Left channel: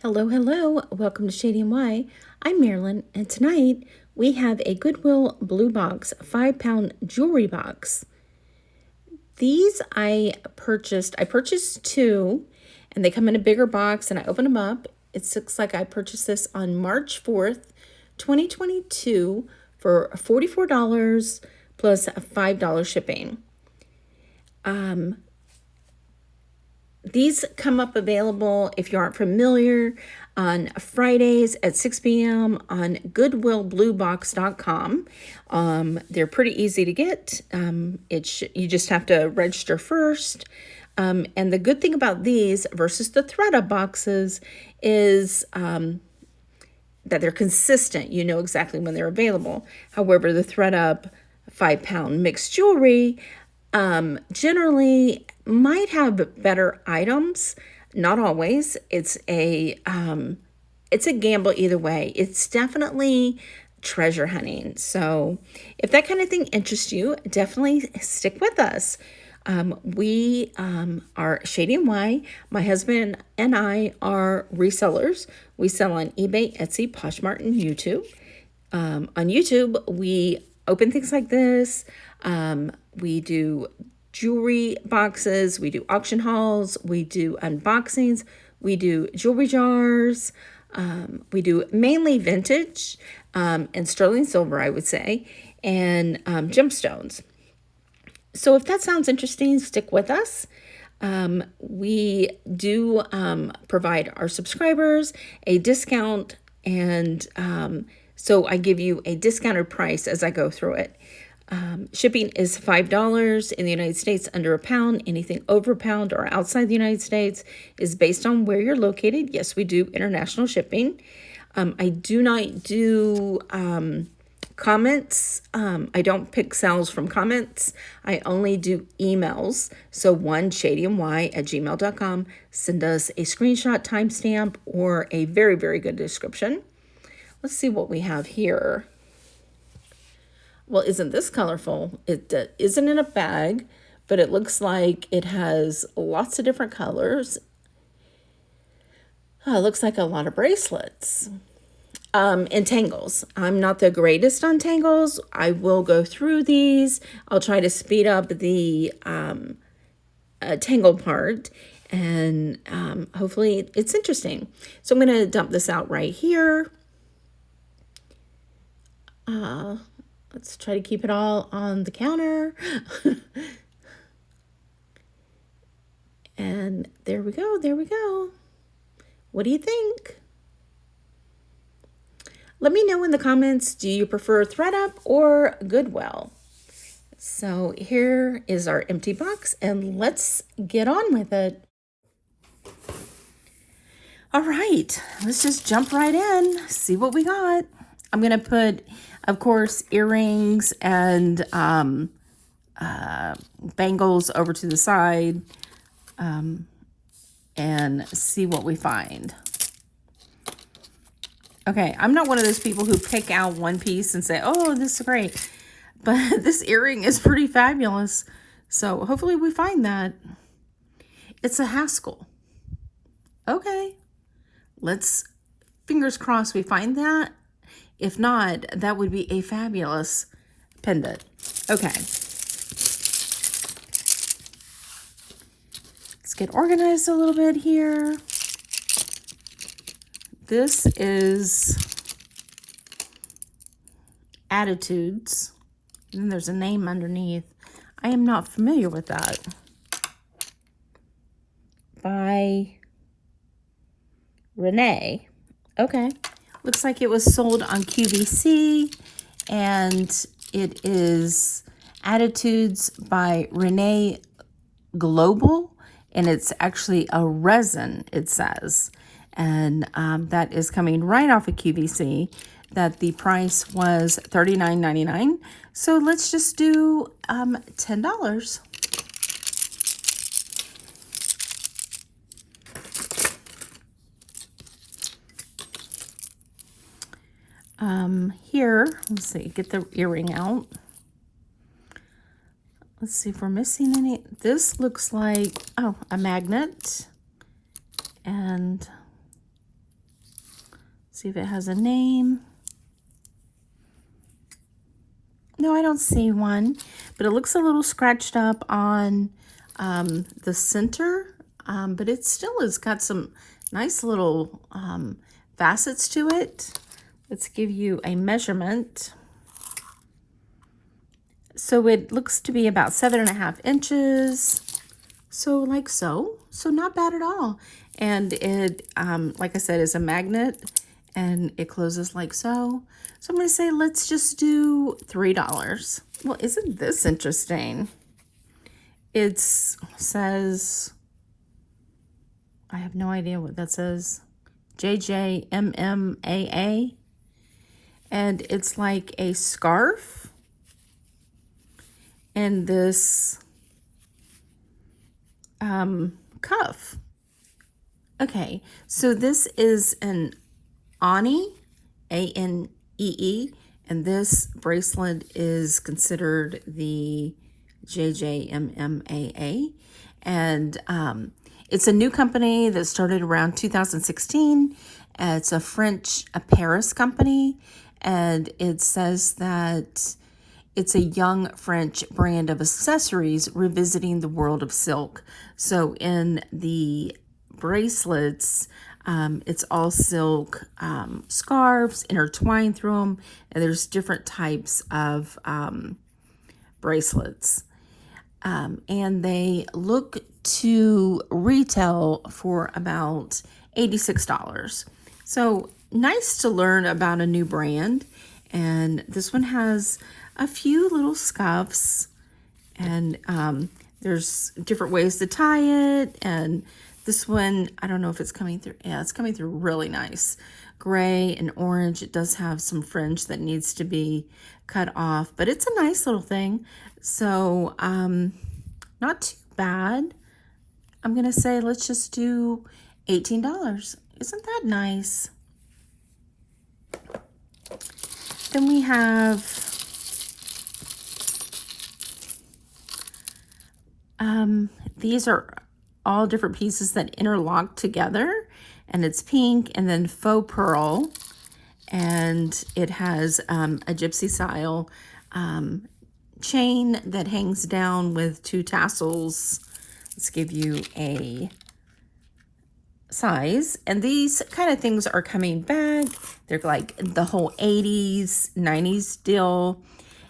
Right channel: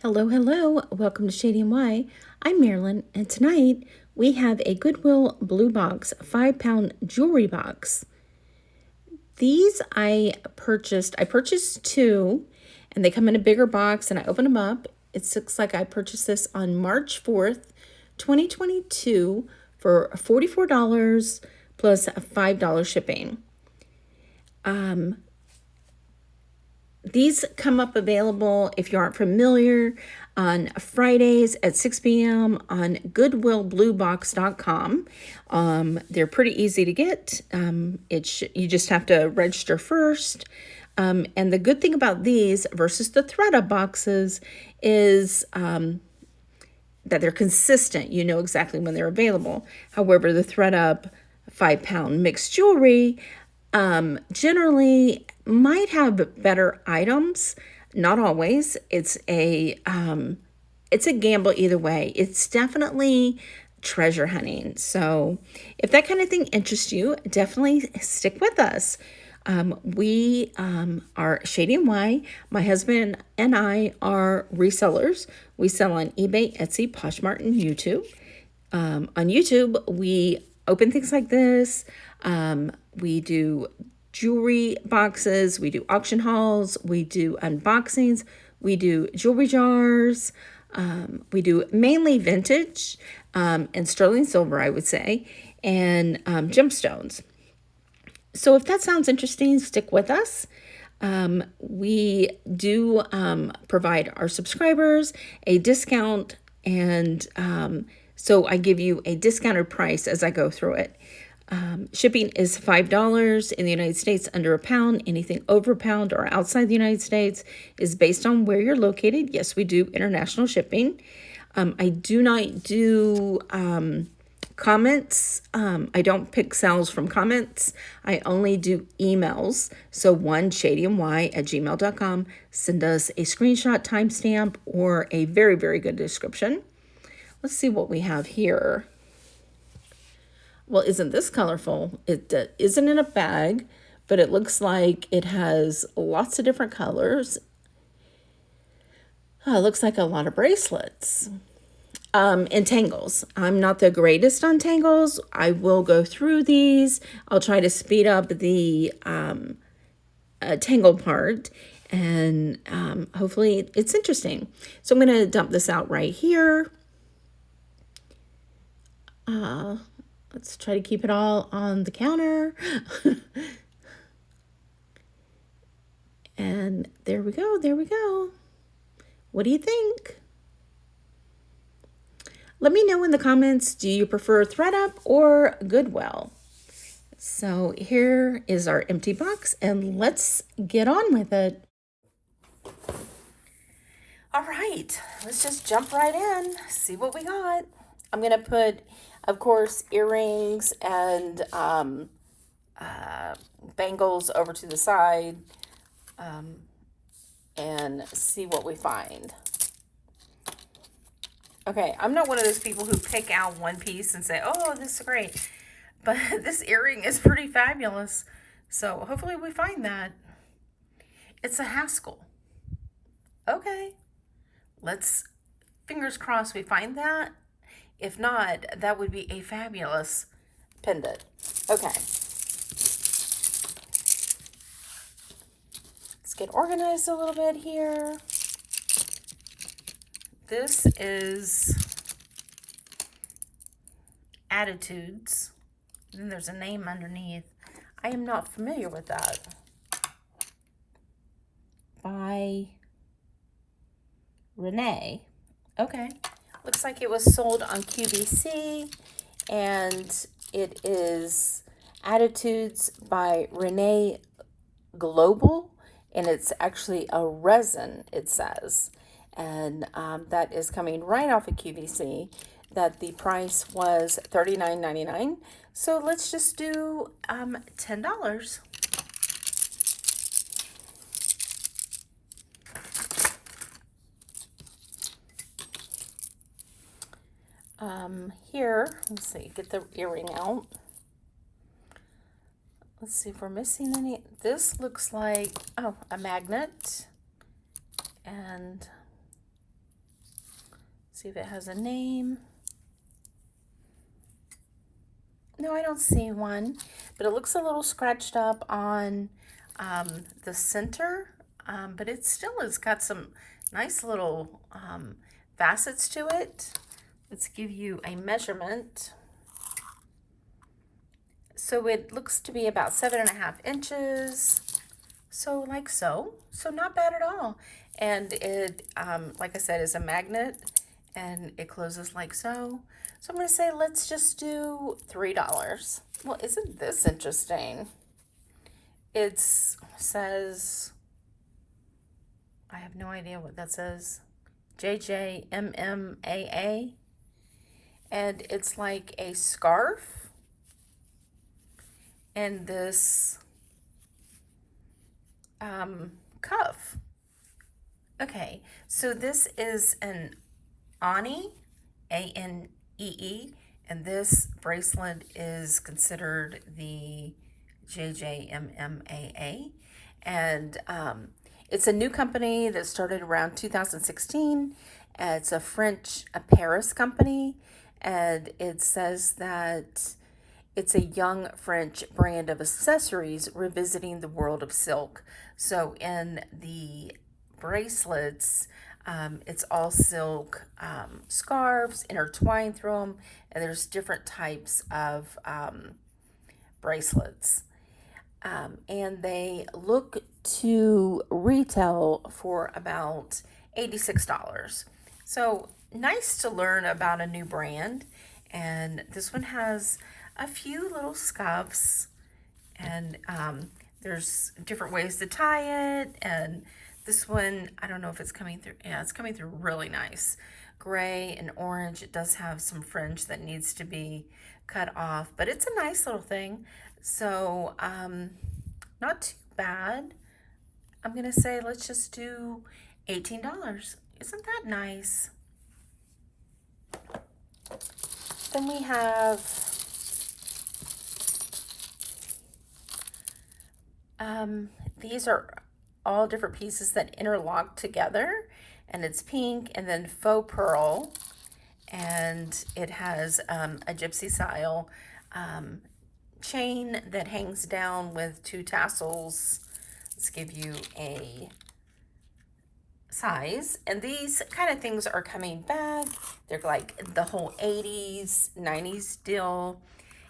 Hello, hello. Welcome to Shady and Why. I'm Marilyn, and tonight we have a Goodwill Bluebox 5-pound jewelry box. These I purchased two, and they come in a bigger box, and I open them up. It looks like I purchased this on March 4th, 2022 for $44 plus $5 shipping. These come up available, if you aren't familiar, on Fridays at 6 p.m. on goodwillbluebox.com. They're pretty easy to get. You just have to register first. And the good thing about these versus the thread-up boxes is that they're consistent. You know exactly when they're available. However, the thread-up 5-pound mixed jewelry generally might have better items. Not always. It's a gamble either way. It's definitely treasure hunting. So if that kind of thing interests you, definitely stick with us. We are Shady and Why. My husband and I are resellers. We sell on eBay, Etsy, Poshmark, and YouTube. On YouTube, we open things like this. We do jewelry boxes, we do auction hauls, we do unboxings, we do jewelry jars, we do mainly vintage and sterling silver, I would say, and gemstones. So if that sounds interesting, stick with us. We do provide our subscribers a discount, and so I give you a discounted price as I go through it. Shipping is $5 in the United States, under a pound. Anything over a pound or outside the United States is based on where you're located. Yes, we do international shipping. I do not do comments. I don't pick sales from comments. I only do emails. So shadyandwhy@gmail.com. Send us a screenshot, timestamp, or a very, very good description. Let's see what we have here. Well, isn't this colorful? It isn't in a bag, but it looks like it has lots of different colors. It looks like a lot of bracelets. And tangles. I'm not the greatest on tangles. I will go through these. I'll try to speed up the tangle part, and hopefully it's interesting. So I'm going to dump this out right here. Let's try to keep it all on the counter. And there we go. There we go. What do you think? Let me know in the comments, do you prefer thread-up or Goodwill? So here is our empty box, and let's get on with it. All right, let's just jump right in, see what we got. I'm going to put, of course, earrings and bangles over to the side and see what we find. Okay, I'm not one of those people who pick out one piece and say, oh, this is great. But this earring is pretty fabulous. So hopefully we find that. It's a Haskell. Okay, let's, fingers crossed we find that. If not, that would be a fabulous pendant. Okay. Let's get organized a little bit here. This is Attitudes. And then there's a name underneath. I am not familiar with that. By Renee. Okay. Looks like it was sold on QVC, and it is Attitudes by Renee Global, and it's actually a resin, it says. And that is coming right off of QVC, that the price was $39.99. So let's just do $10. Here, let's see, get the earring out. Let's see if we're missing any. This looks like, oh, a magnet. And See if it has a name. No, I don't see one, but it looks a little scratched up on the center, but it still has got some nice little facets to it. Let's give you a measurement. So it looks to be about 7.5 inches. So like so. So not bad at all. And it, like I said, is a magnet and it closes like so. So I'm going to say, let's just do $3. Well, isn't this interesting? It says, I have no idea what that says. JJMMAA. And it's like a scarf. And this cuff. Okay, so this is an Ani, A-N-E-E, and this bracelet is considered the JJMMAA. And it's a new company that started around 2016. It's a Paris company, and it says that it's a young French brand of accessories revisiting the world of silk. So in the bracelets, it's all silk scarves intertwined through them, and there's different types of bracelets. And they look to retail for about $86. So nice to learn about a new brand. And this one has a few little scuffs, and there's different ways to tie it. And this one, I don't know if it's coming through. Yeah, it's coming through really nice. Gray and orange. It does have some fringe that needs to be cut off, but it's a nice little thing. So not too bad. I'm gonna say let's just do $18. Isn't that nice? Then we have these are all different pieces that interlock together, and it's pink and then faux pearl, and it has a gypsy style chain that hangs down with 2 tassels. Let's give you a size. And these kind of things are coming back. They're like the whole 80s, 90s deal.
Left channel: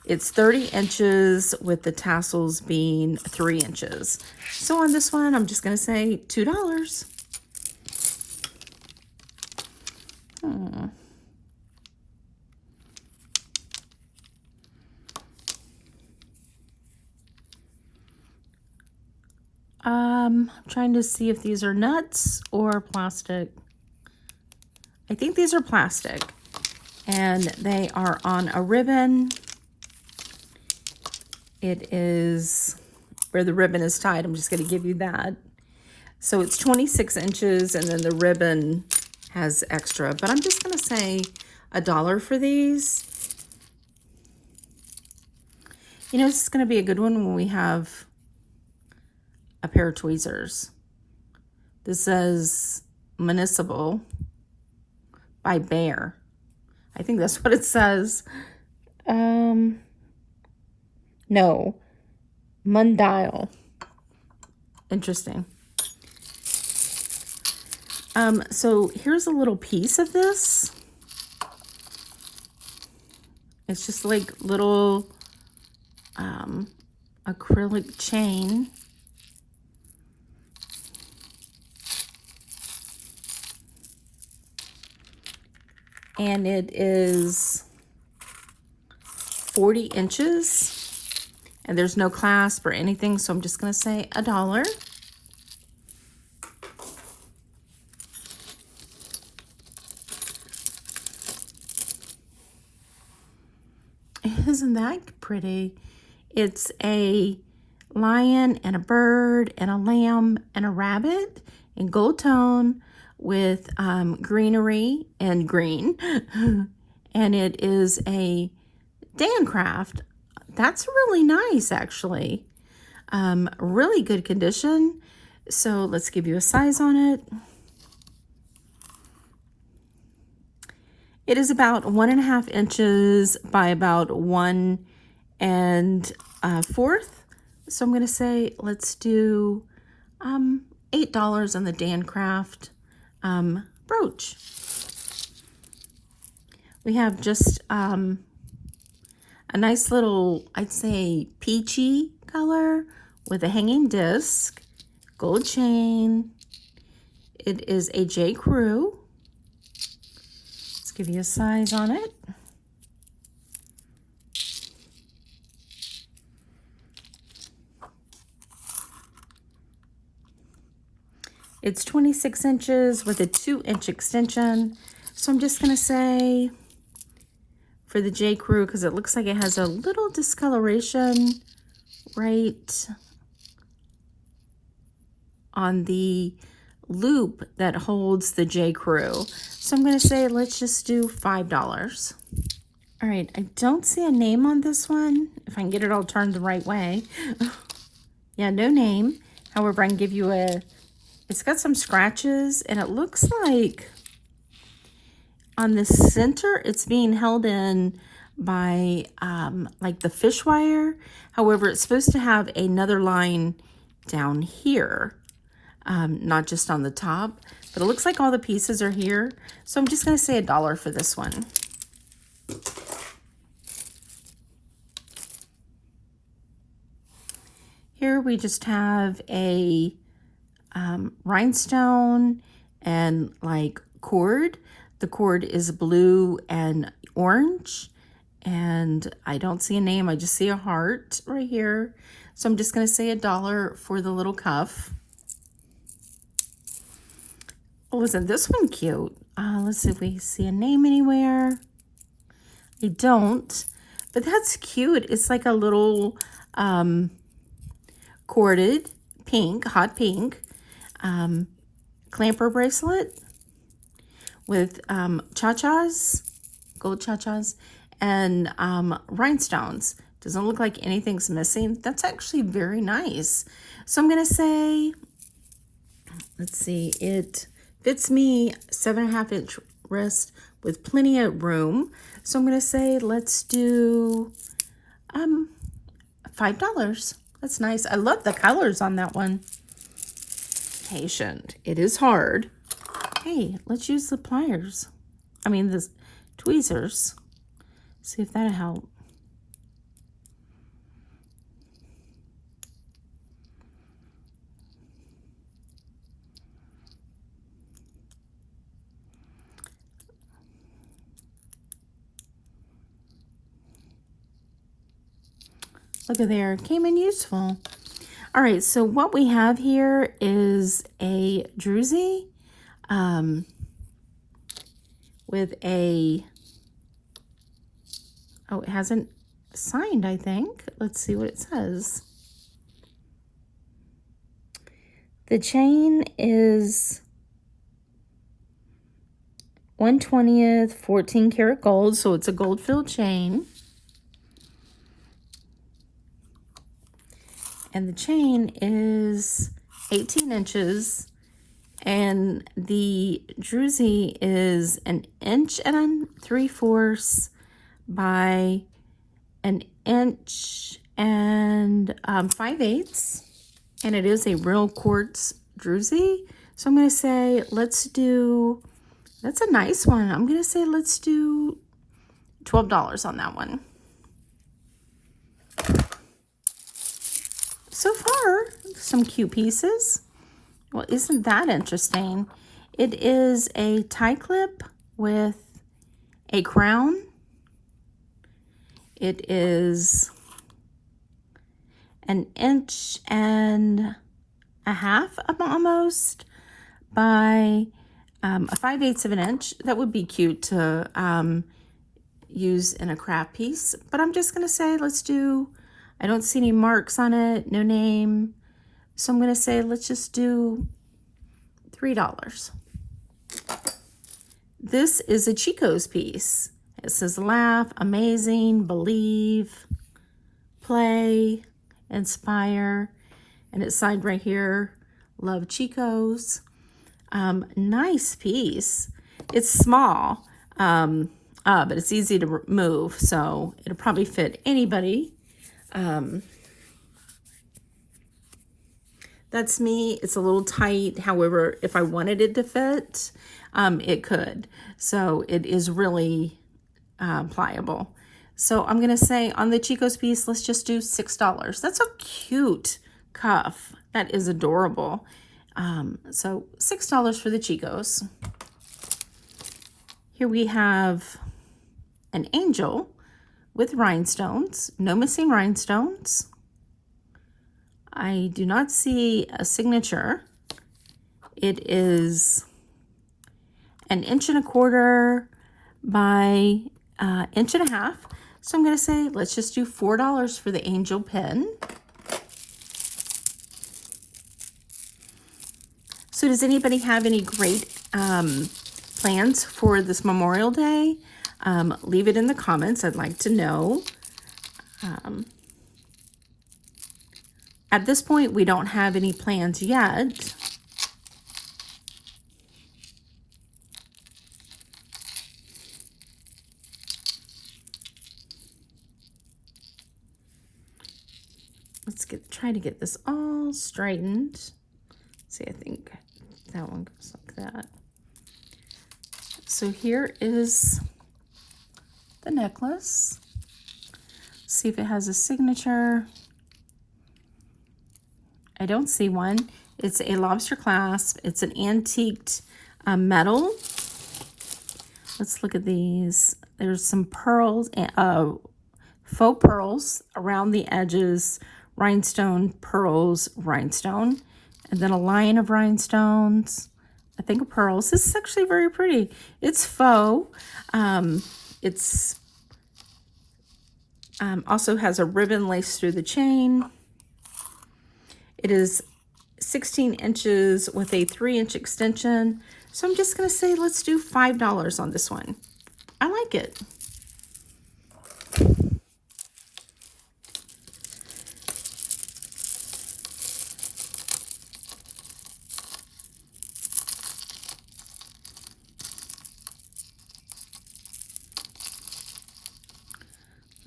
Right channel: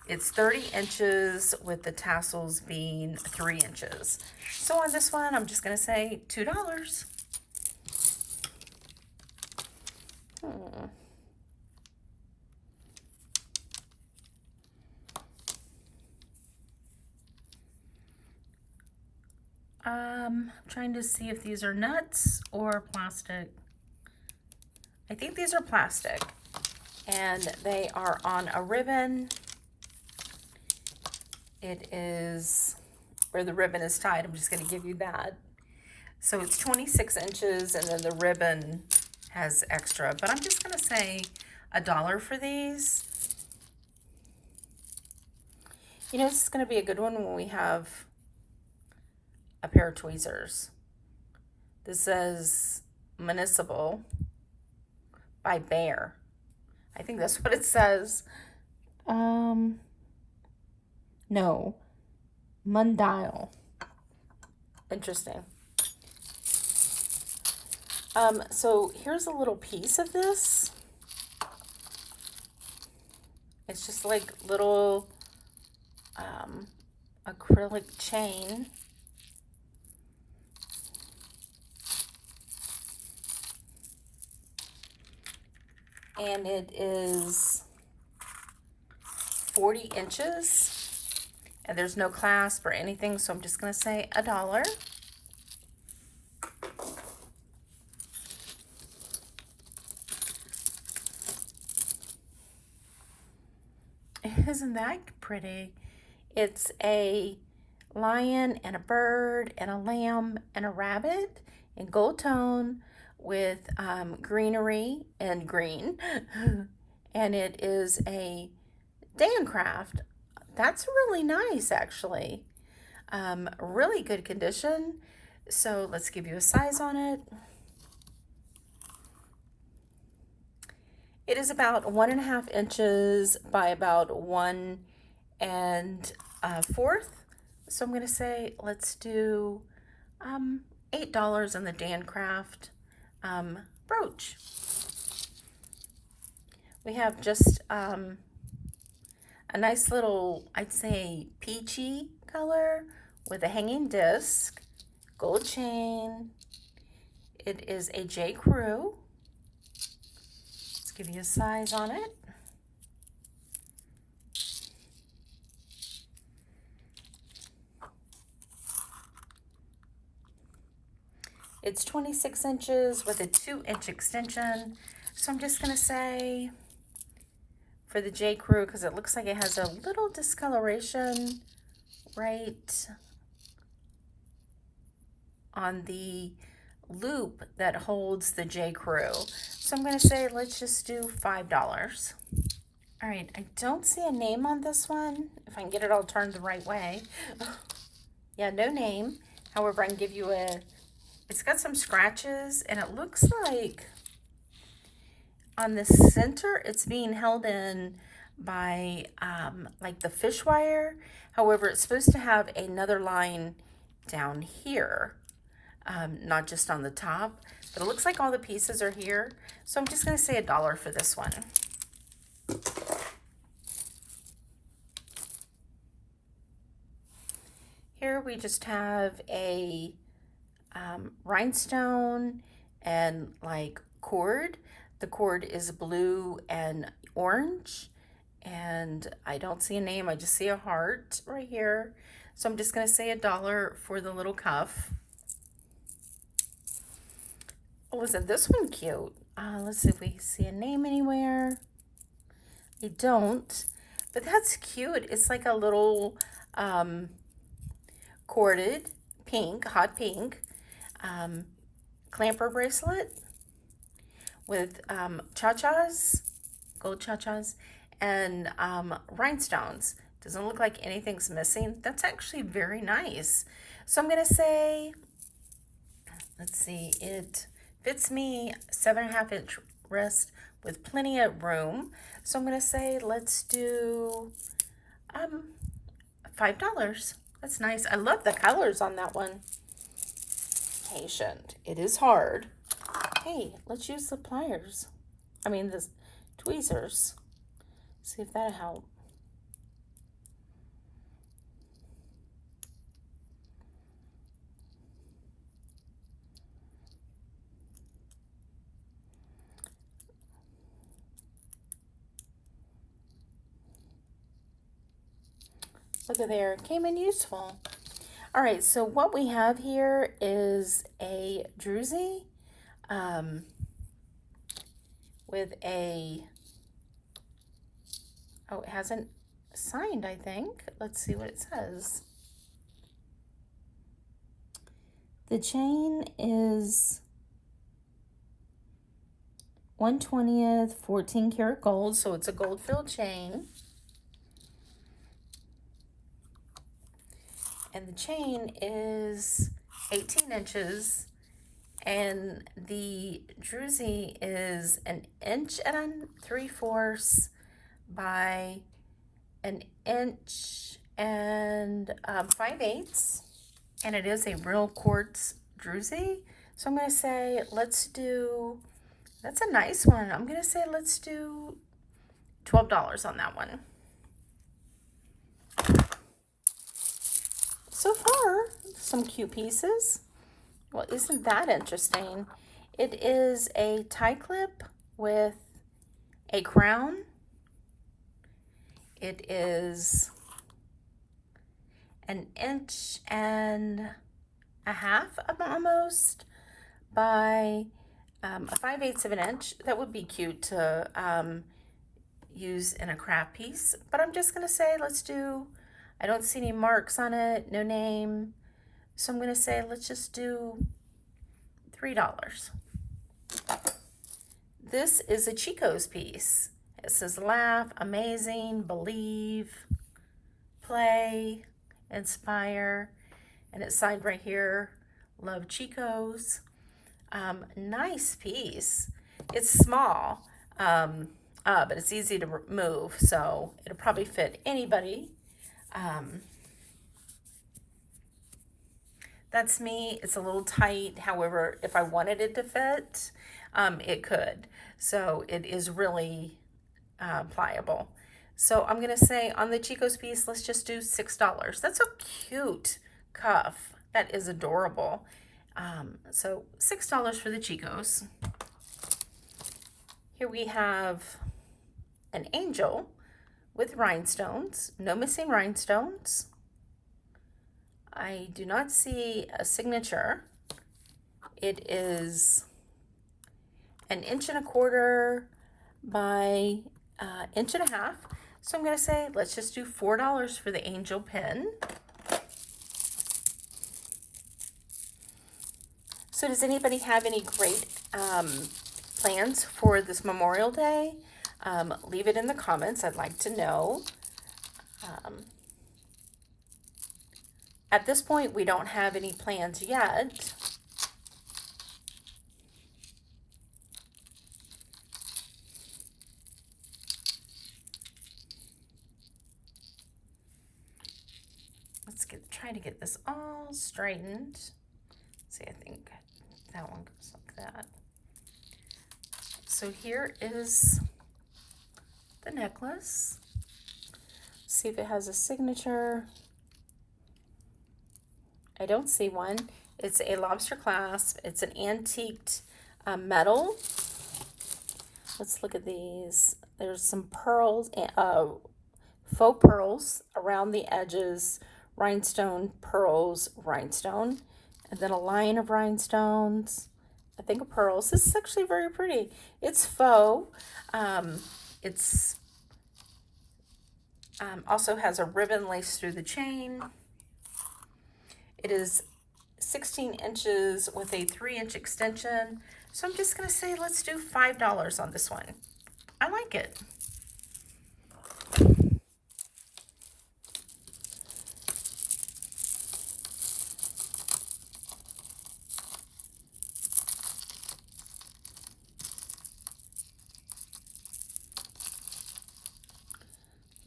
It's 30 inches with the tassels being 3 inches. So on this one, I'm just going to say $2. I'm trying to see if these are nuts or plastic. I think these are plastic, and they are on a ribbon. It is where the ribbon is tied. I'm just going to give you that. So it's 26 inches, and then the ribbon has extra, but I'm just going to say $1 for these. You know, this is going to be a good one when we have a pair of tweezers. This says Municipal by Bear. I think that's what it says. No. Mundial. Interesting. So here's a little piece of this. It's just like little acrylic chain. And it is 40 inches. And there's no clasp or anything, so I'm just going to say $1. Isn't that pretty? It's a lion and a bird and a lamb and a rabbit in gold tone with greenery and green. And it is a Dan craft. That's really nice, actually. Really good condition. So let's give you a size on it. It is about 1.5 inches by about 1 4. So I'm going to say let's do $8 on the Dan Craft brooch. We have just a nice little, I'd say, peachy color with a hanging disc, gold chain. It is a J. Crew. Let's give you a size on it. It's 26 inches with a 2-inch extension. So I'm just going to say for the J. Crew, because it looks like it has a little discoloration right on the loop that holds the J. Crew. So I'm going to say let's just do $5. All right, I don't see a name on this one, if I can get it all turned the right way. Yeah, no name. However, I can give you it's got some scratches, and it looks like on the center, it's being held in by like the fish wire. However, it's supposed to have another line down here, not just on the top, but it looks like all the pieces are here. So I'm just going to say $1 for this one. Here we just have a rhinestone and like cord. The cord is blue and orange, and I don't see a name. I just see a heart right here. So I'm just going to say $1 for the little cuff. Oh, isn't this one cute? Let's see if we see a name anywhere. I don't, but that's cute. It's like a little corded pink, hot pink clamper bracelet with cha-chas, gold cha-chas, and rhinestones. Doesn't look like anything's missing. That's actually very nice. So I'm going to say, let's see, it fits me 7.5-inch wrist with plenty of room. So I'm going to say let's do $5. That's nice. I love the colors on that one. Patient. It is hard. Hey, let's use the pliers. I mean the tweezers. See if that'll help. Look at there, it came in useful. All right, so what we have here is a druzy with a, oh, it hasn't signed, I think. Let's see what it says. The chain is 1/20th 14 karat gold, so it's a gold filled chain. And the chain is 18 inches, and the druzy is 1.3 by 1.5, and it is a real quartz druzy. So I'm going to say let's do, that's a nice one. I'm going to say let's do $12 on that one. So far, some cute pieces. Well, isn't that interesting? It is a tie clip with a crown. It is 1.5 inches almost by a 5/8 of an inch. That would be cute to use in a craft piece. But I'm just going to say let's do, I don't see any marks on it, no name. So I'm going to say let's just do $3. This is a Chico's piece. It says laugh, amazing, believe, play, inspire, and it's signed right here, love Chico's. Nice piece. It's small. but it's easy to move, so it'll probably fit anybody. That's me. It's a little tight. However, if I wanted it to fit, it could. So it is really pliable. So I'm going to say on the Chico's piece, let's just do $6. That's a cute cuff. That is adorable. So $6 for the Chico's. Here we have an angel with rhinestones. No missing rhinestones. I do not see a signature. It is 1.25 inches by 1.5 inches. So I'm going to say, let's just do $4 for the angel pin. So does anybody have any great plans for this Memorial Day? Leave it in the comments. I'd like to know. At this point, we don't have any plans yet. Let's try to get this all straightened. Let's see, I think that one goes like that. So here is the necklace. See if it has a signature. I don't see one. It's a lobster clasp. It's an antiqued metal. Let's look at these. There's some pearls, faux pearls around the edges, rhinestone, pearls, rhinestone, and then a line of rhinestones, I think of pearls. This is actually very pretty. It's faux. It's also has a ribbon laced through the chain. It is 16 inches with a 3-inch extension. So I'm just going to say, let's do $5 on this one. I like it.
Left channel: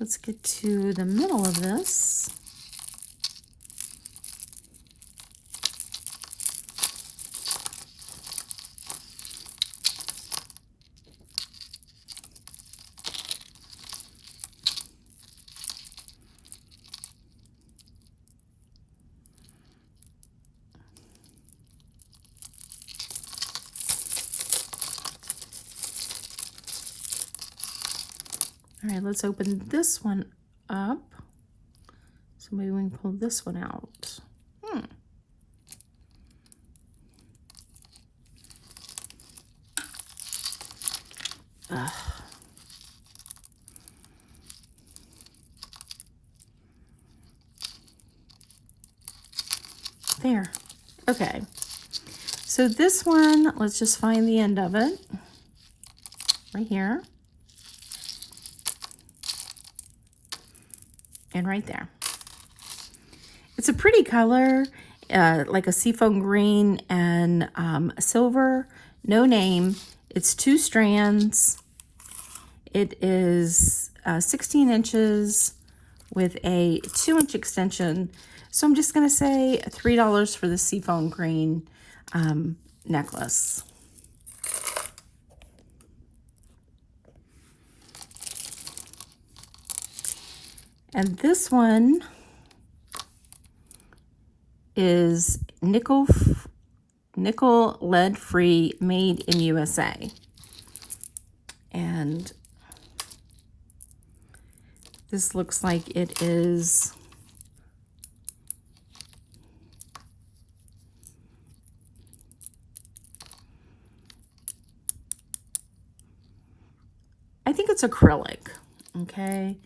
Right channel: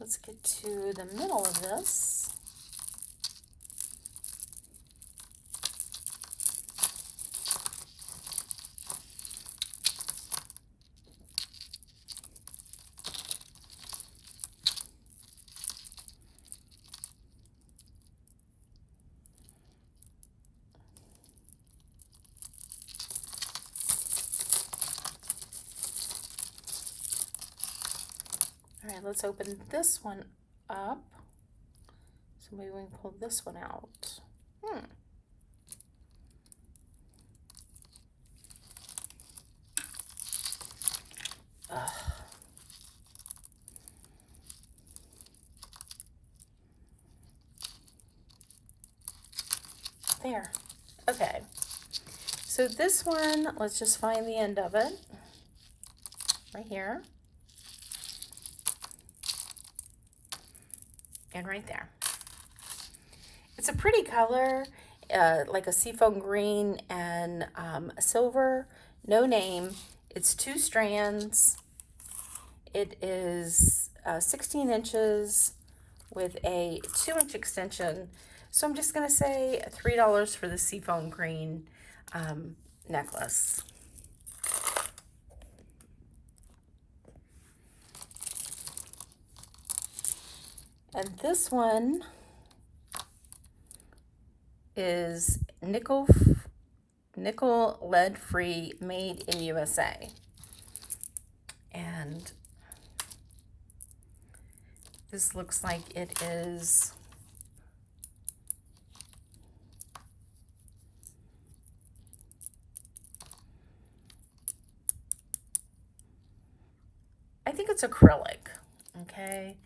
Let's get to the middle of this. All right, let's open this one up. So maybe we can pull this one out. There. Okay. So this one, let's just find the end of it. Right here. And right there. It's a pretty color, like a seafoam green and silver. No name. It's 2 strands. It is 16 inches with a 2-inch extension. So I'm just going to say $3 for the seafoam green necklace. And this one is nickel lead free, made in USA. And this looks like it is I think it's acrylic. Okay.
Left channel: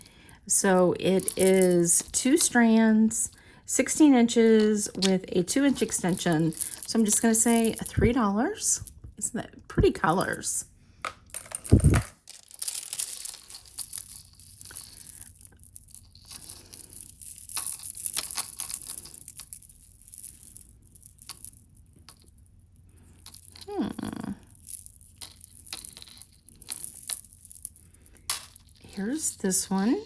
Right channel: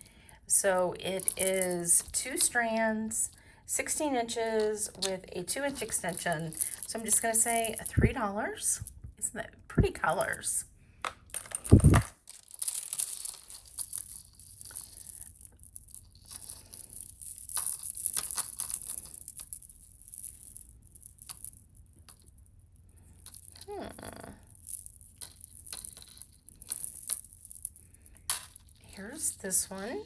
So it is 2 strands, 16 inches with a 2-inch extension. So I'm just going to say $3. Isn't that pretty colors? Here's this one.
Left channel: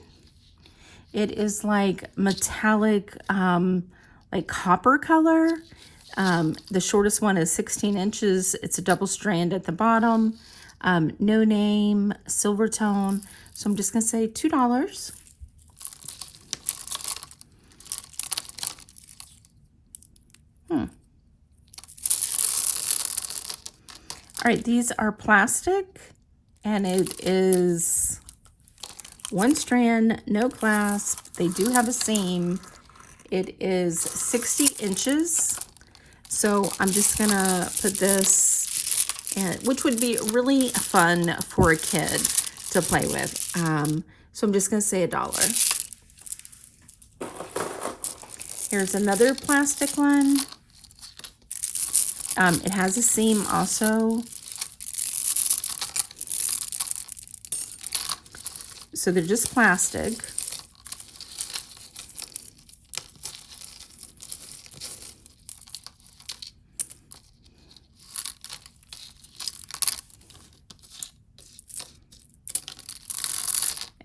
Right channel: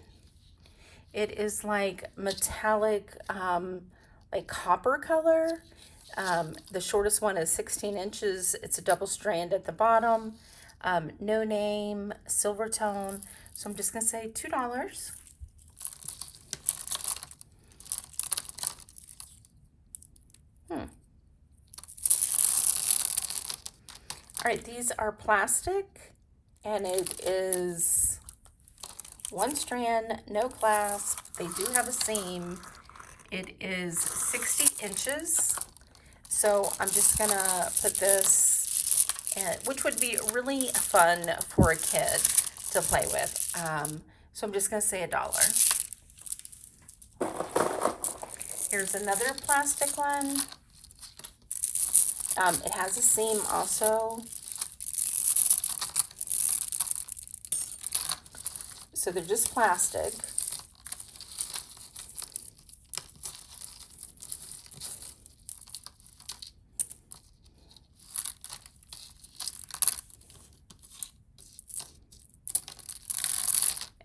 It is like metallic, like copper color. The shortest one is 16 inches. It's a double strand at the bottom. No name, silver tone. So I'm just going to say $2. All right, these are plastic, and it is one strand, no clasp. They do have a seam. It is 60 inches. So I'm just gonna put this in, which would be really fun for a kid to play with. So I'm just gonna say $1. Here's another plastic one. It has a seam also. So they're just plastic.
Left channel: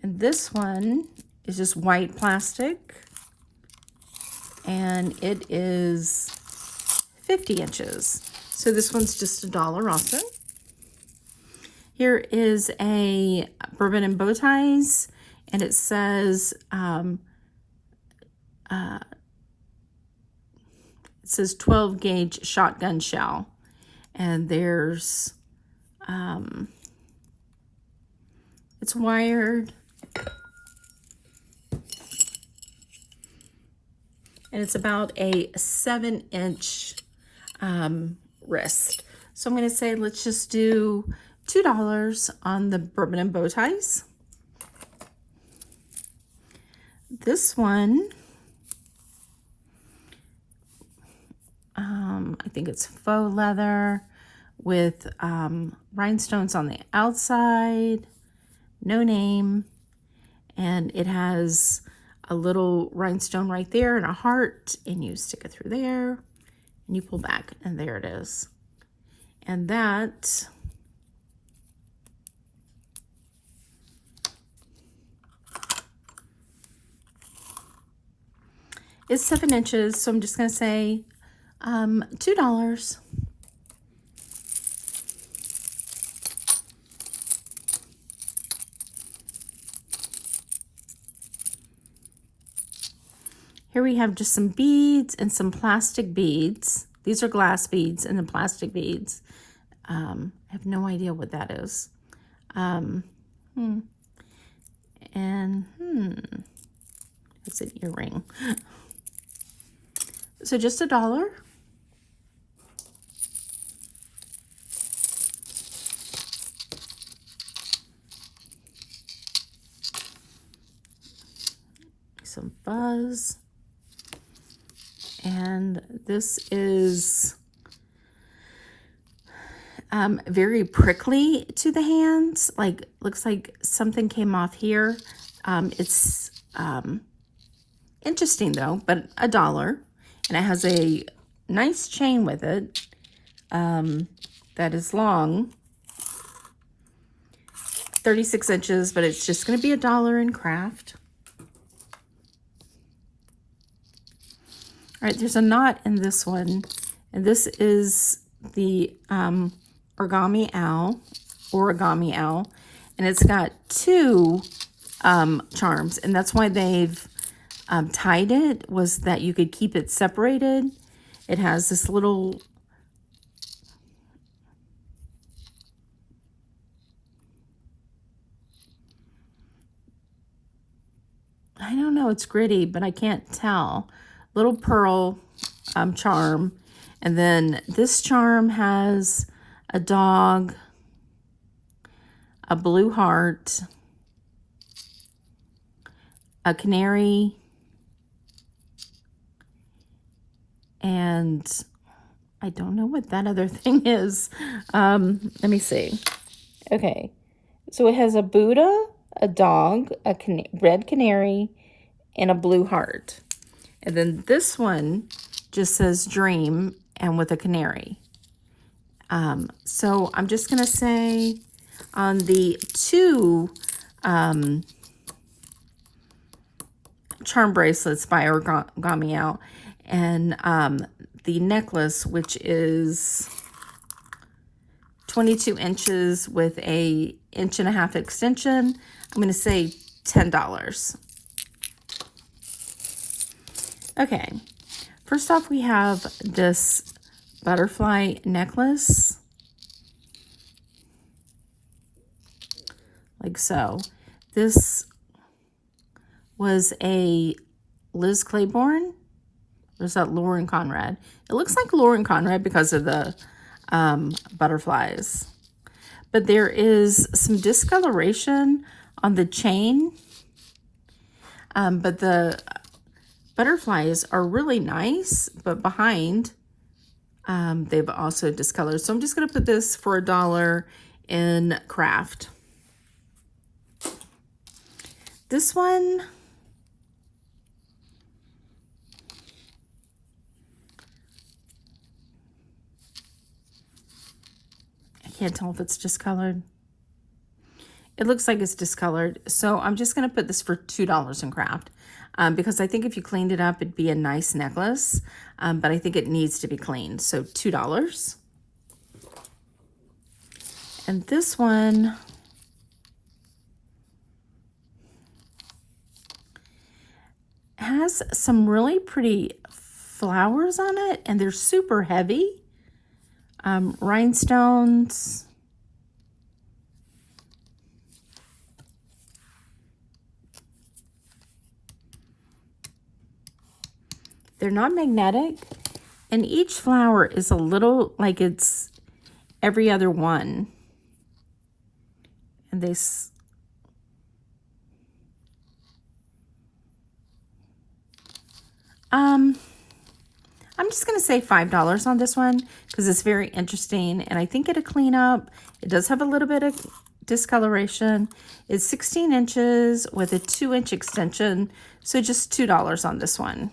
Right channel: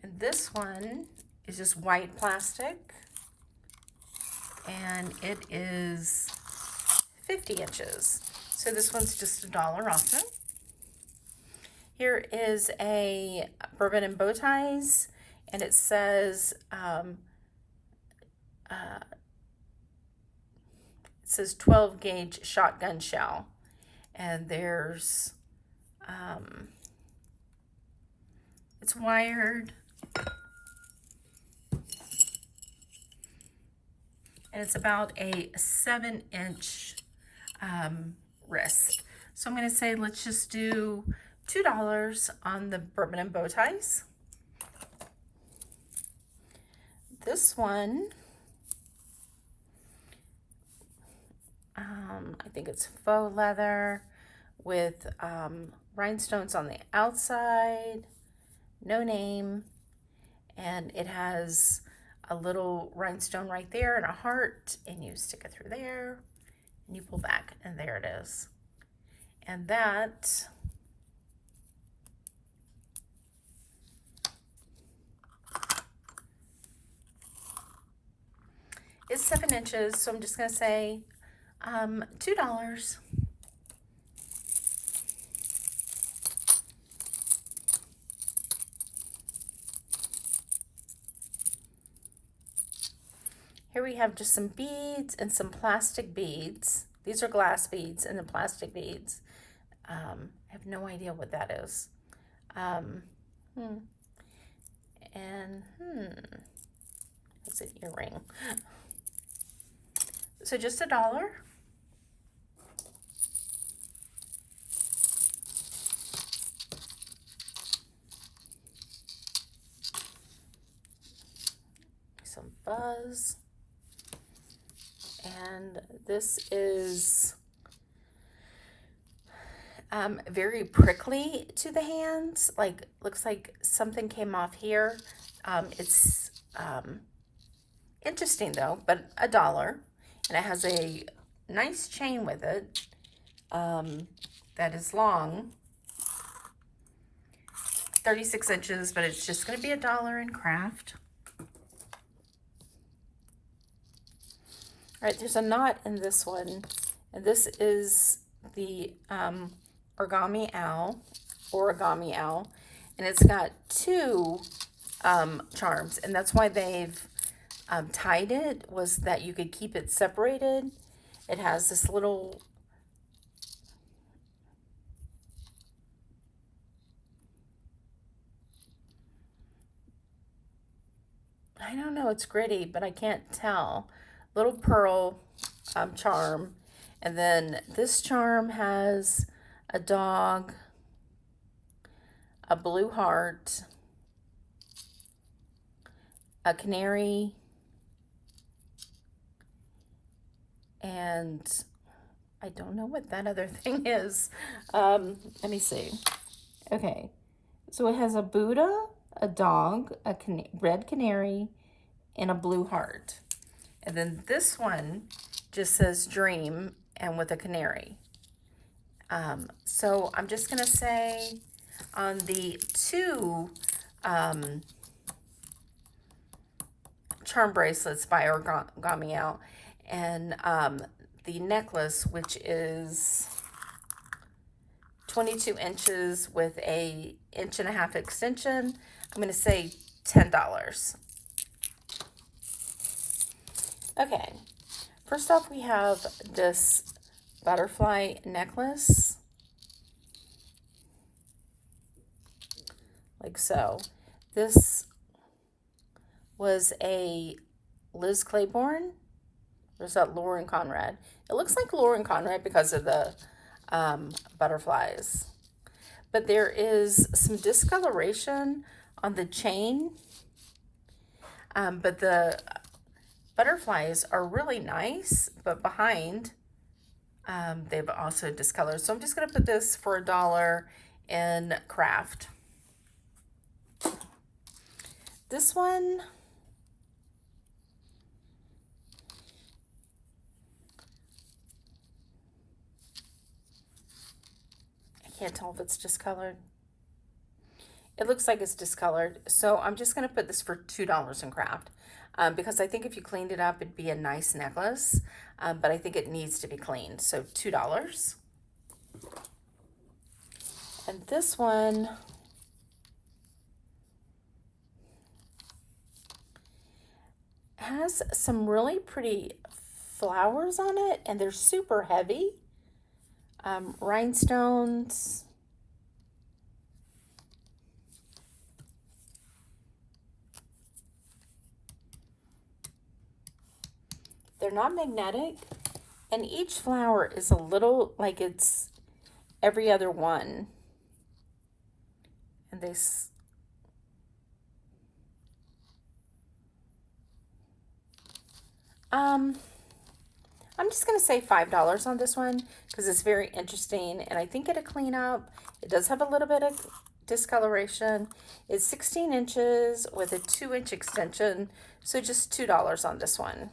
And this one is just white plastic. And it is 50 inches. So this one's just $1 also. Here is a bourbon and bow ties, and it says 12 gauge shotgun shell, and there's it's wired, and it's about a 7-inch wrist. So I'm going to say let's just do $2 on the bourbon and bow ties. This one, I think it's faux leather with rhinestones on the outside, no name, and it has a little rhinestone right there and a heart, and you stick it through there and you pull back, and there it is. And that is 7 inches, so I'm just going to say $2. Here we have just some beads and some plastic beads. These are glass beads and the plastic beads. I have no idea what that is. It's an earring. So just $1. Some fuzz. And this is very prickly to the hands. Like, looks like something came off here. It's interesting though, but $1. And it has a nice chain with it that is long, 36 inches, but it's just going to be $1 in craft. All right, there's a knot in this one, and this is the origami owl, and it's got 2 charms, and that's why they've tied it, was that you could keep it separated. It has this little I don't know, it's gritty, but I can't tell. Little pearl charm. And then this charm has a dog, a blue heart, a canary, and I don't know what that other thing is. Let me see. Okay, so it has a Buddha, a dog, a red canary, and a blue heart. And then this one just says dream and with a canary. So I'm just going to say on the 2 charm bracelets by Origami out. And the necklace, which is 22 inches with a 1.5 inch extension, I'm going to say $10. Okay, first off, we have this butterfly necklace, like so. This was a Liz Claiborne, or is that Lauren Conrad? It looks like Lauren Conrad because of the butterflies. But there is some discoloration on the chain, but the butterflies are really nice, but behind they've also discolored. So I'm just going to put this for $1 in craft. This one, I can't tell if it's discolored. It looks like it's discolored. So I'm just going to put this for $2 in craft. Because I think if you cleaned it up, it'd be a nice necklace, but I think it needs to be cleaned. So $2. And this one, has some really pretty flowers on it, and they're super heavy. Rhinestones. They're not magnetic, and each flower is a little like it's every other one. And I'm just going to say $5 on this one because it's very interesting, and I think it'll clean up. It does have a little bit of discoloration. It's 16 inches with a 2-inch extension, so just $2 on this one.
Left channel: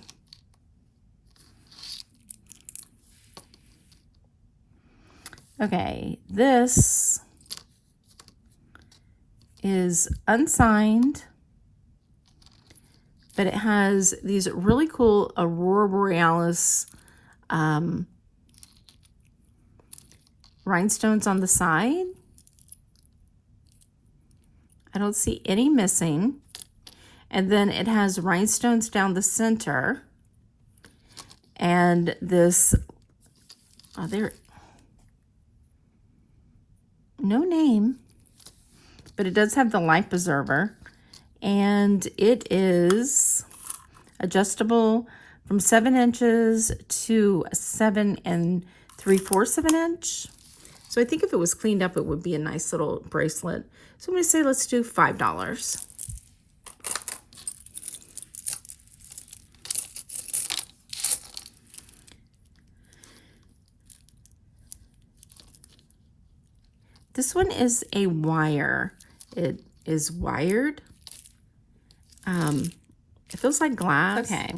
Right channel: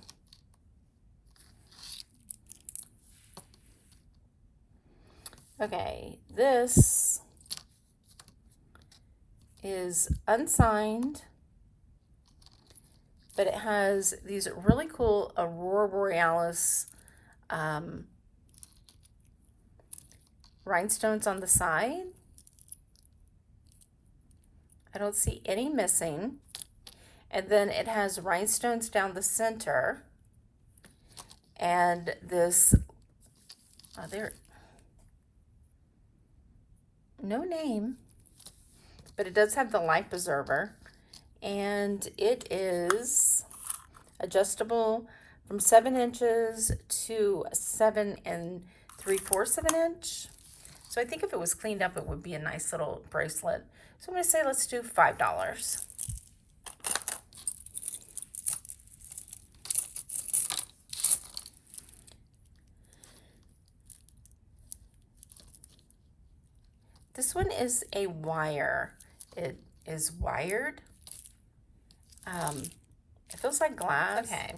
Okay, this is unsigned, but it has these really cool Aurora Borealis rhinestones on the side. I don't see any missing. And then it has rhinestones down the center. And this, oh, there, no name, but it does have the life preserver. And it is adjustable from 7 inches to 7 3/4 of an inch. So I think if it was cleaned up, it would be a nice little bracelet. So I'm going to say let's do $5. This one is a wire. It is wired. It feels like glass. Okay.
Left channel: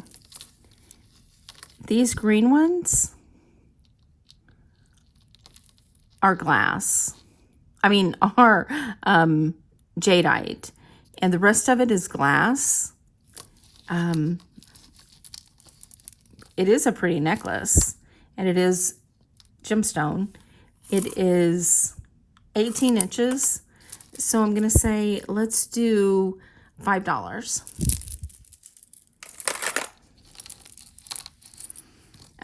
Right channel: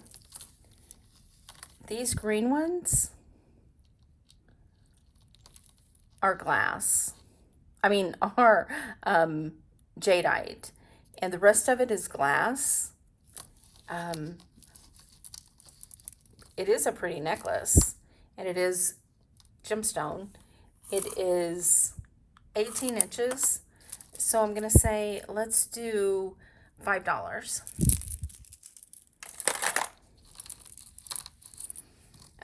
These green ones are glass. I mean, are jadeite. And the rest of it is glass. It is a pretty necklace. And it is gemstone. It is 18 inches. So I'm going to say, let's do $5.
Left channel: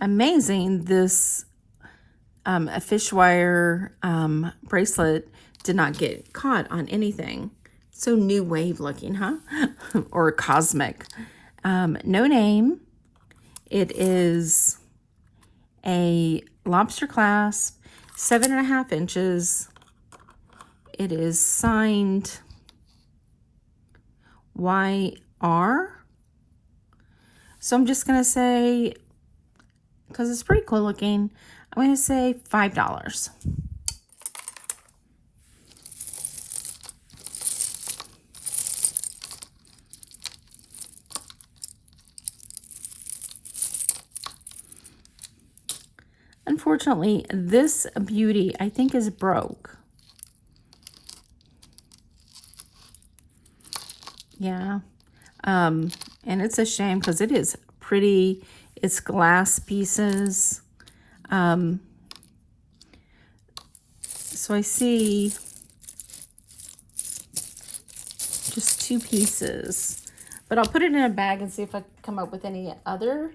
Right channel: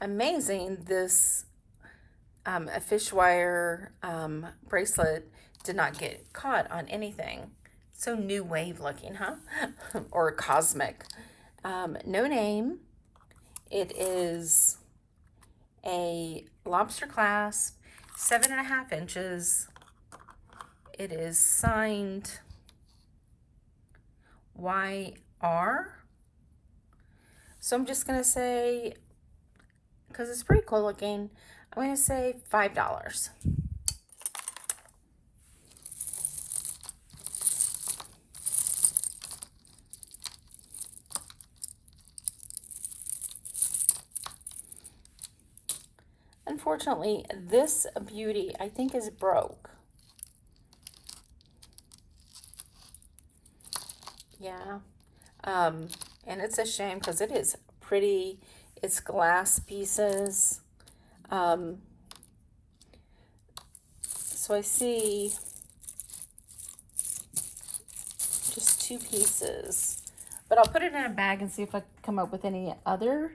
Amazing, this a fish wire bracelet did not get caught on anything. So new wave looking, huh? Or cosmic. No name. It is a lobster clasp, 7.5 inches. It is signed YR. So I'm just going to say, because it's pretty cool looking, I'm going to say $5. Unfortunately, this beauty I think is broke. Yeah. And it's a shame because it is pretty. It's glass pieces. So I see just 2 pieces, but I'll put it in a bag and see if I can come up with any other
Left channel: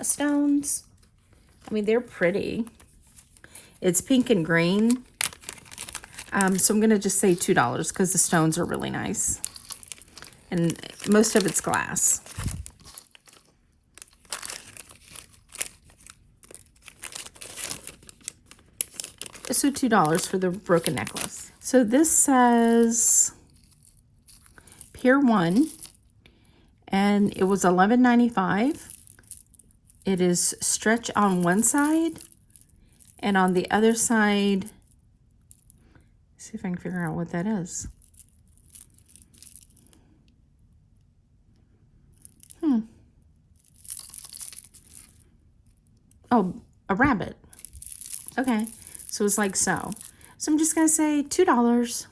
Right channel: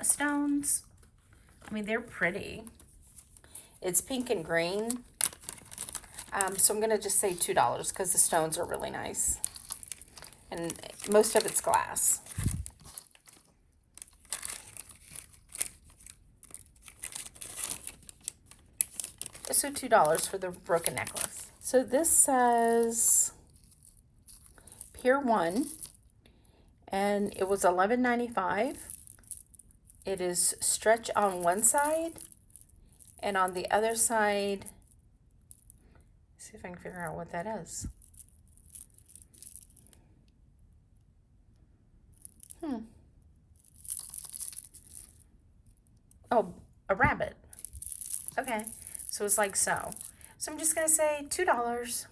stones. I mean, they're pretty. It's pink and green. So I'm gonna just say $2 because the stones are really nice. And most of it's glass. So $2 for the broken necklace. So this says Pier 1, and it was $11.95. It is stretch on one side, and on the other side, see if I can figure out what that is. Oh, a rabbit. Okay, so it's like so. So I'm just gonna say $2.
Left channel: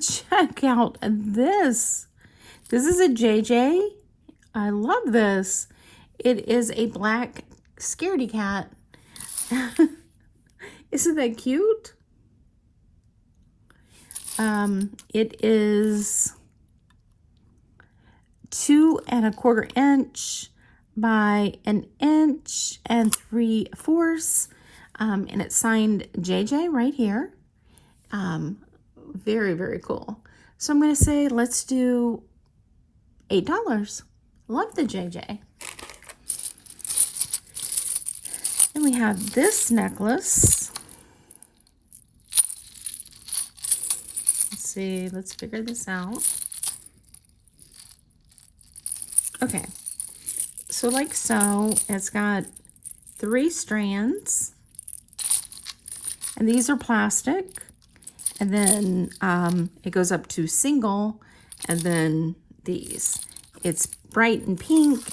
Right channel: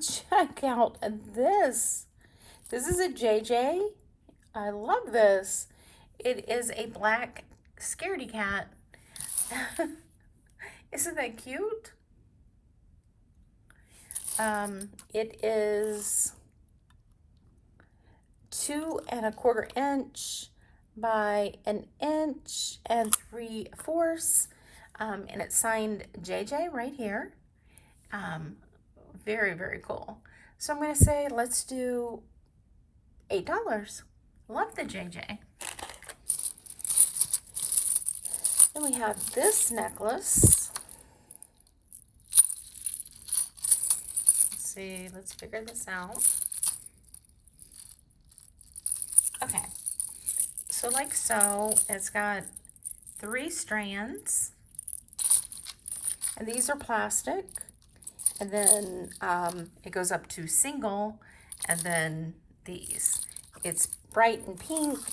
Check out this. This is a JJ. I love this. It is a black scaredy cat. Isn't that cute? It is 2 1/4 inch by 1 3/4 inches. And it's signed JJ right here. Very, very cool. So I'm going to say, let's do $8. Love the JJ. Then we have this necklace. Let's see, let's figure this out. Okay, so like so, it's got 3 strands, and these are plastic, and then it goes up to single, and then these. It's bright and pink.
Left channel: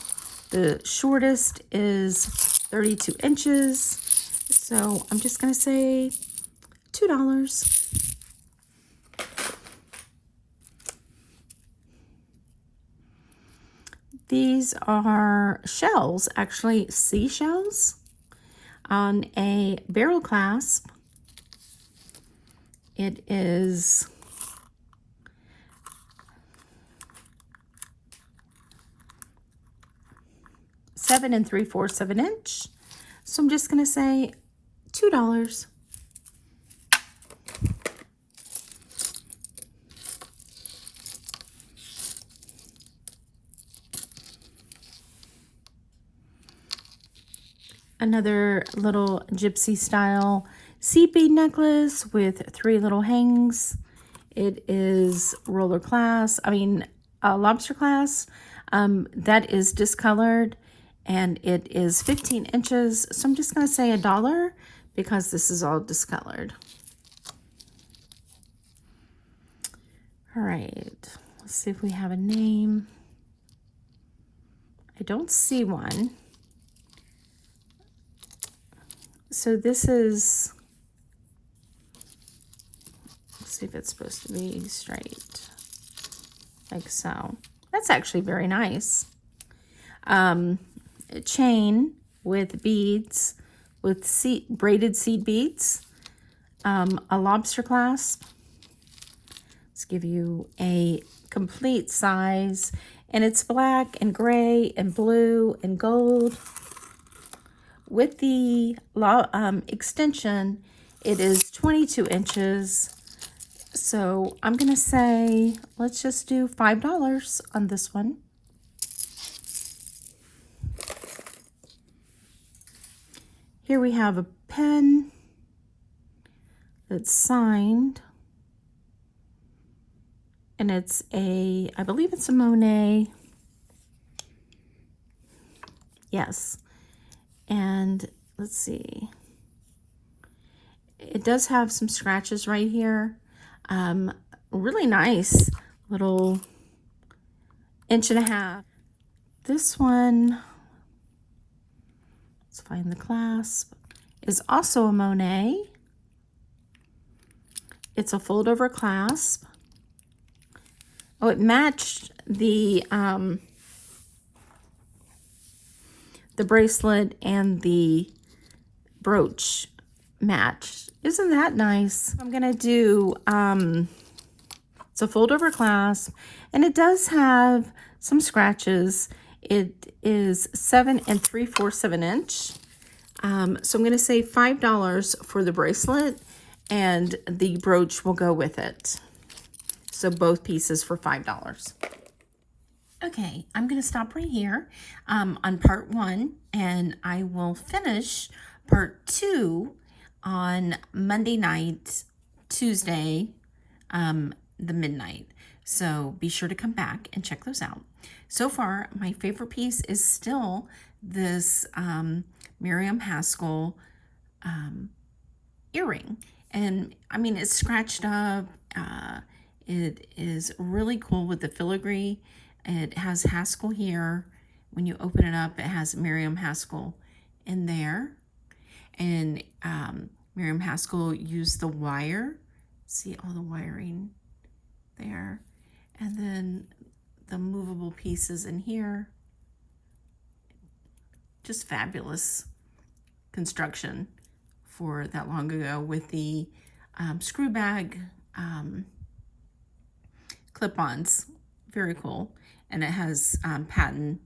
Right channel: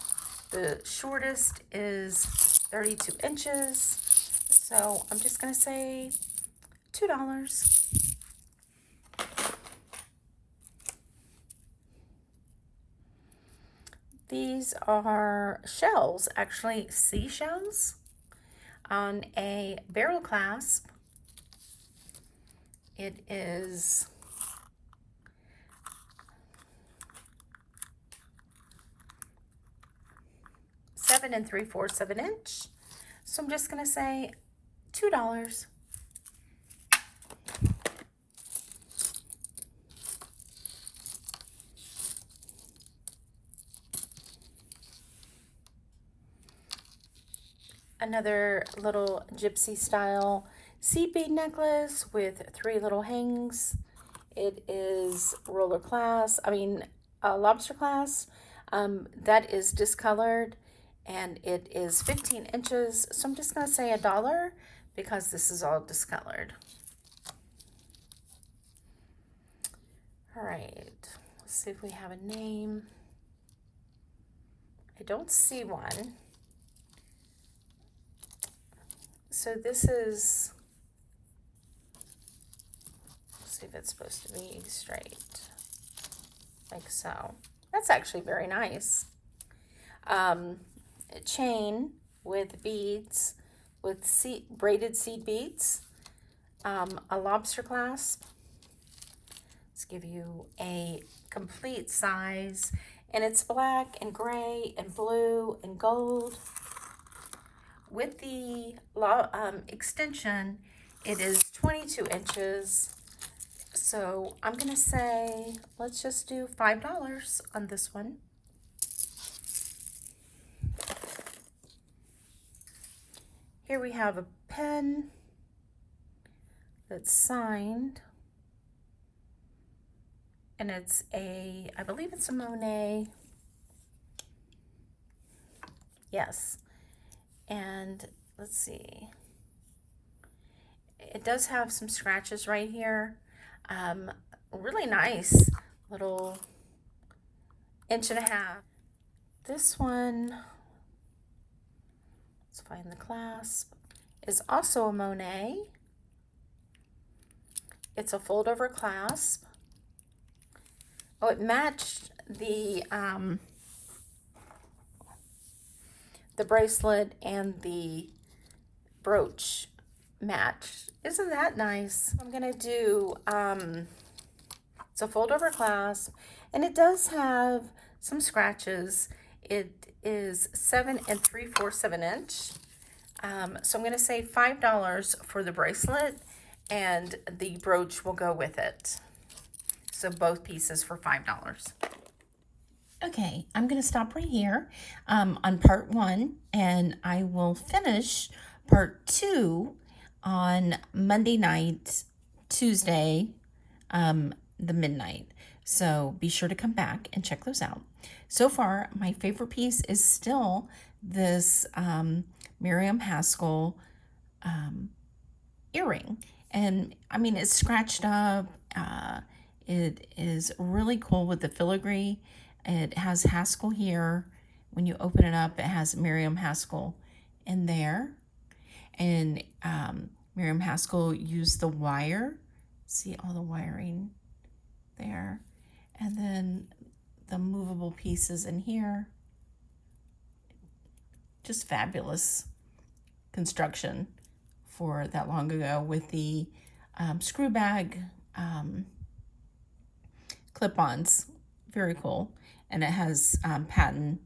The shortest is 32 inches, so I'm just gonna say $2. These are shells, actually seashells, on a barrel clasp. It is seven 3/4 of an inch. So I'm just gonna say $2. Another little gypsy style seed bead necklace with 3 little hangs. It is roller glass, lobster glass. That is discolored, and it is 15 inches. So I'm just gonna say $1 because this is all discolored. All right, let's see if we have a name. I don't see one. So this is, let's see if it's supposed to be straight, like so. That's actually very nice. A chain with beads, with braided seed beads, a lobster clasp. Let's give you a complete size, and it's black and gray and blue and gold. With the extension, it is 22 inches. So I'm gonna say, let's just do $5 on this one. Here we have a pen that's signed, and it's a, I believe it's a Monet. Yes. And let's see, it does have some scratches right here. Really nice little 1.5 inches. This one, Let's find the clasp. Is also a Monet. It's a fold over clasp. Oh, it matched the bracelet and the brooch matched. Isn't that nice? I'm gonna do, it's a fold over clasp, and it does have some scratches. It is 7 3/4 of an inch. So I'm gonna say $5 for the bracelet, and the brooch will go with it. So both pieces for $5. Okay, I'm going to stop right here on part 1, and I will finish part 2 on Monday night, Tuesday, the midnight. So be sure to come back and check those out. So far, my favorite piece is still this Miriam Haskell earring. And I mean, it's scratched up. It is really cool with the filigree. It has Haskell here. When you open it up, it has Miriam Haskell in there. And Miriam Haskell used the wire. See all the wiring there. And then the movable pieces in here. Just fabulous construction for that long ago with the screw bag clip-ons. Very cool. And it has patent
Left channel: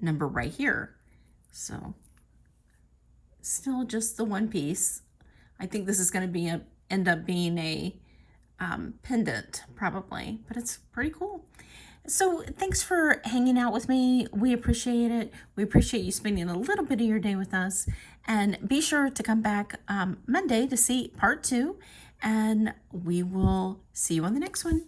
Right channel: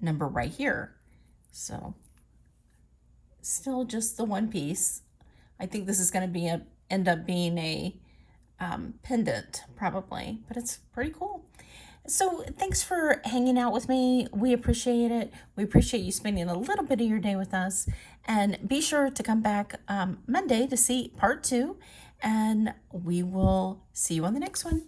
number right here. So still just the one piece. I think this is going to end up being a pendant probably, but it's pretty cool. So thanks for hanging out with me. We appreciate it. We appreciate you spending a little bit of your day with us. And be sure to come back Monday to see part 2. And we will see you on the next one.